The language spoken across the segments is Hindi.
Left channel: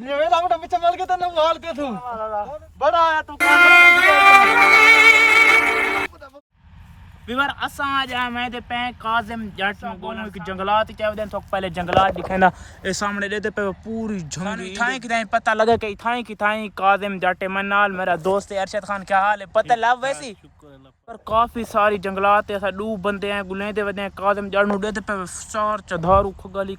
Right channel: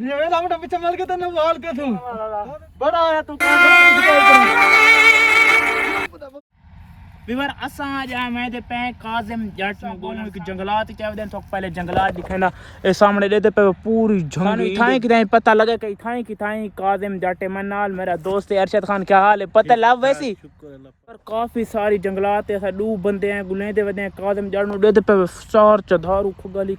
ये वेला मोटा पीछे मल के तने माल के तू बड़ा आया तू विवर असा जा मैं ते पे काजिम जट में बोलन कि जंगलात क्या वदन तो पहले जंगलात दिखे ना ए सामने देते पे पूरी जंगल इथाई कि पता लगे कि इथाई कि थाई काजिम जट में नाल मेरा दोस्त अरशद खान क्या हाल है पता लव वैसी पर काफी सारी जंगलात ऐसा दू बंदे हैं गुले दे वदे काजिम जट नु देते पे चार चधारू खगली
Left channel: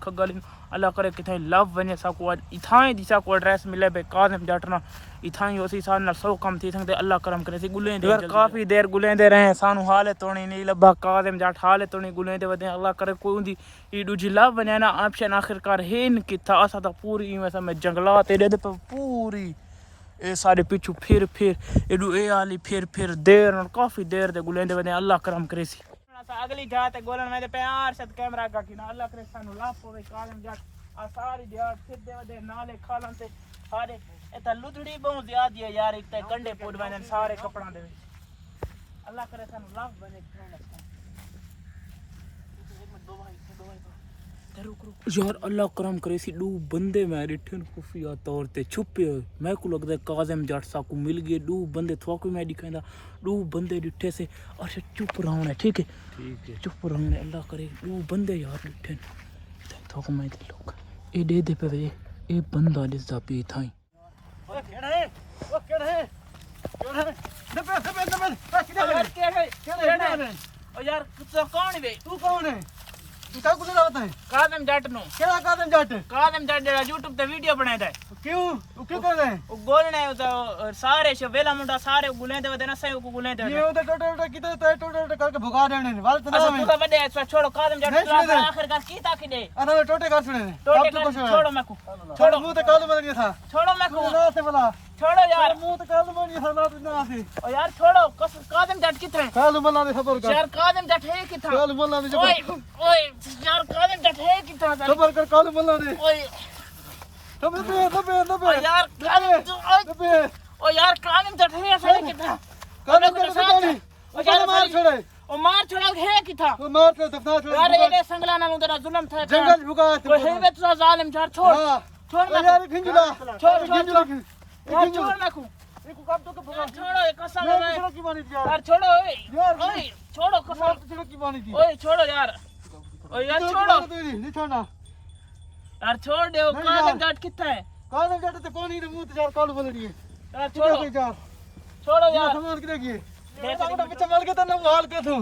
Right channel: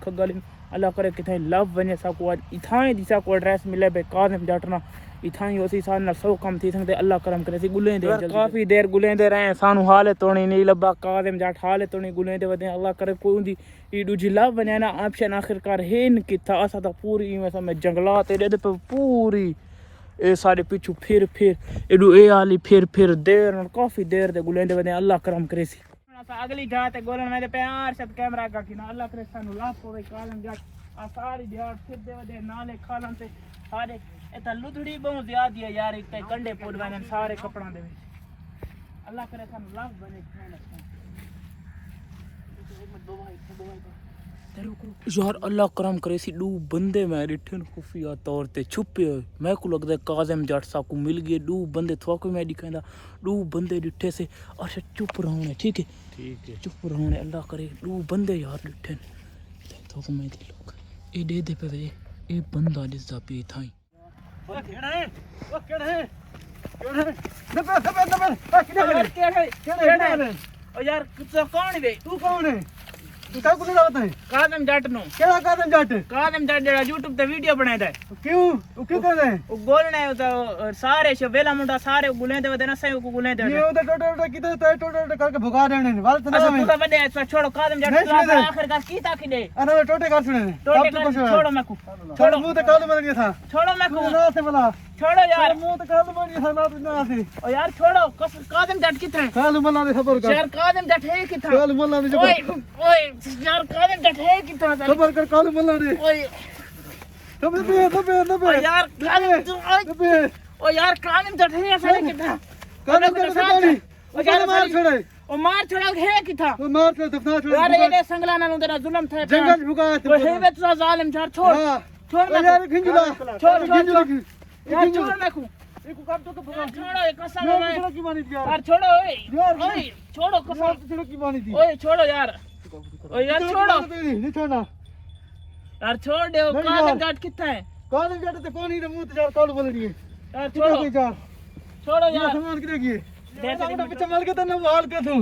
अल्लाह करे कि लव वने सा को इथाई दिशा को एड्रेस मिले बे काजिम जट ना इथाई ओसी सान ना सौ कम थी संगते अल्लाह करम करे सी गुले दे काफी देर गुले दे रहे सानू हाले तोणी नहीं लब्भा काजिम जट हाले तोणी गुले दे वदे अल्लाह करे कोई उंदी ई दूजी लव वने ना ऑप्शन आखिरकार हेन किथा असा तो पूरी में समय जंगलात दे पे पूरी ए सारे पीछू फिर एडू ए आली फिर देर और काफी देर दे गुले दे वदे अल्लाह करम करे सी अगली जात गोलन में प्यार से कैमरा का कि अल्लाह करे सानू लाभ होवे कालम जट आ सारी दिहाड़ फिर दे वदे नाले खालन से सारे एता लुधड़ी बहुत ज्यादा है यार इतने कंडे पोड वने सारे कपड़ा दे अल्लाह करे सानू लाभ बने यार अल्लाह करम करे सी दू बंदे मैं डिठन खुफिया तौर ते छुपे मैं को लगदा काजिम जट सा को मिल गए दू बंदे थोक मैं दिखांदा दू बंदे डिठे से अच्छा चुप रहना है ठीक है चुप रहना है अल्लाह करे दू बंदे यार डिठन थोक मैं दे लोग ए दे पे ए बंदा दिस दा पी थाई ओ केड़ा है नबे ओ यार कौन है तू कौन है तू क्या कुछ लाता है काजिम जट नो केड़ा काजिम जट जरा YouTube पे वीडियो बनाता है क्यों तू क्यों कर रहा है वो बोलना है तो सारे से वेला मुंडा सारे गुले दे वदे ना सही को गुले दे ये तो टोटल कितने तो टोटल करके भगा देने वाला तो अच्छा तू बड़े ऐसा छोड़ो काजिम जट आखिरकार की ताकि दे अरे टोटे कर सुने छोड़ो मैं को छोड़ो मुंह तो काल बन गया था छोड़ो मैं को ना से बोला छोड़ो यार मुंह तो काल बन गया था ना से ओ यार छोड़ो काजिम जट किथे काल मल्ला ने खबर कर यार काजिम जट है किथा काल मल्ला ने ओए यार काजिम जट है किथा खबर कर काल मल्ला ने ओए नबे यार ओ यार काजिम जट है ऐसा किथा काजिम जट ओ यार मार छोड़े ओ मार छोड़ा है किथा ओ मार के दफना छोड़ यार ये संगला ना तेरा जुल्म था जंगल भुगा ओ है वे तू जालिम यार छोड़ यार खिंजुला छोड़ यार छोड़ मैं को एको काम तो भगा छोड़ो ये कसम है यार की मानी दिया यार छोड़ो ओए छोड़ो कसम तो की मानी दी ओए छोड़ो यार ओए यार छोड़ो नहीं छोड़ना यार छोड़ दो काजिम जट किथा है काजिम जट तो कौन ही मुंह ते यार काल बोल रही है यार छोड़ो यार सामान के देखिए मोटा पीछे मल के तने माल के तू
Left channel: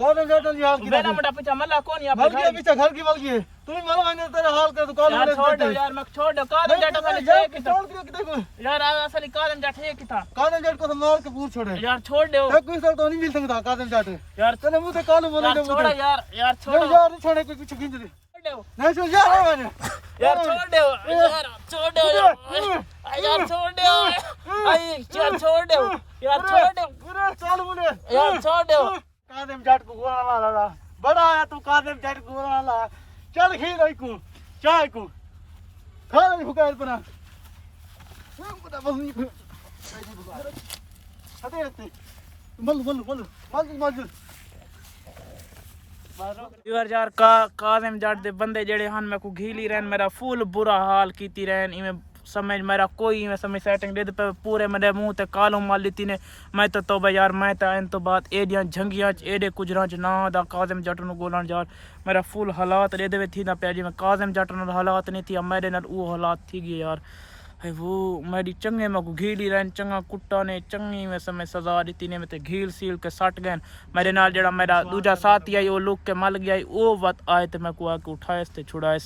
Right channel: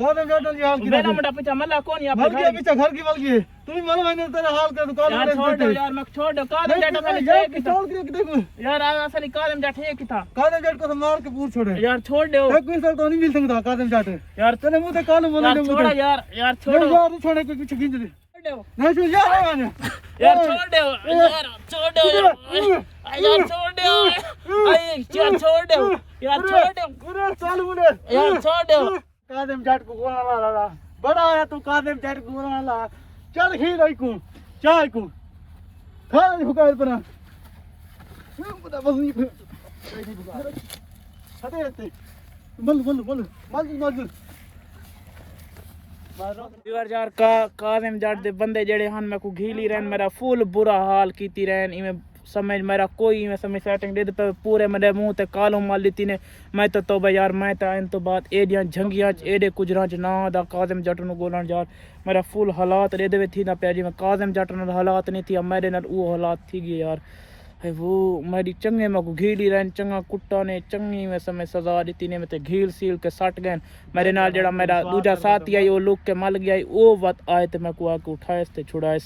काजिम जट ने हाल की मेरा मोटा पीछे मल्ला कौन यहाँ मल के पीछे घर की मल की तू मल मैंने तेरा हाल कर काल यार छोड़ दो यार मैं छोड़ दो काजिम जट वाली छोड़ के देखो यार असली काजिम जट है किथा काजिम जट को तो मार के पूछ छोड़े यार छोड़ दो एक कोई सर तो नहीं मिल सकता काजिम जट यार तेरे मुंह ते काल बोल यार छोड़ो यार छोड़ो यार नहीं छोड़े कोई कुछ खींच दे नहीं छोड़ यार यार छोड़ दो यार छोड़ दो यार छोड़ दो यार छोड़ दो यार छोड़ दो पूरा चाल मुंडे यार छोड़ दो काजिम जट को गोला ला बड़ा आया तू काजिम जट को गोला ला चल खी रही को चाय को खा ले भुकाल पना पता बस नहीं हटे हटे मल यार काजिम जट दे बंदे जेड़े हन मैं को घीली रहन मेरा फुल बुरा हाल कीती रहन इमें समझ मेरा कोई में समझ सेटिंग दे पे पूरे मेरे मुंह ते कालो माल लीती ने मैं तो तौबा यार मैं तो इन तो बात एडियां झंगियां च एडे कुजरां च ना दा काजिम जट नु गोलन यार मेरा फुल हालात दे दे थी ना पे जी मैं काजिम जट नाल हालात नहीं थी मेरे नाल वो हालात थी गए यार है वो मेरी चंगे में को घीली रहन चंगा कुट्टा ने चंगी में समय सजा दी ने मैं ते घील सील के सट गए मेरे नाल जेड़ा मेरा दूजा साथी आई वो लुक के मल गया वो बात आए तो मैं को आके उठाए ते छुड़ाए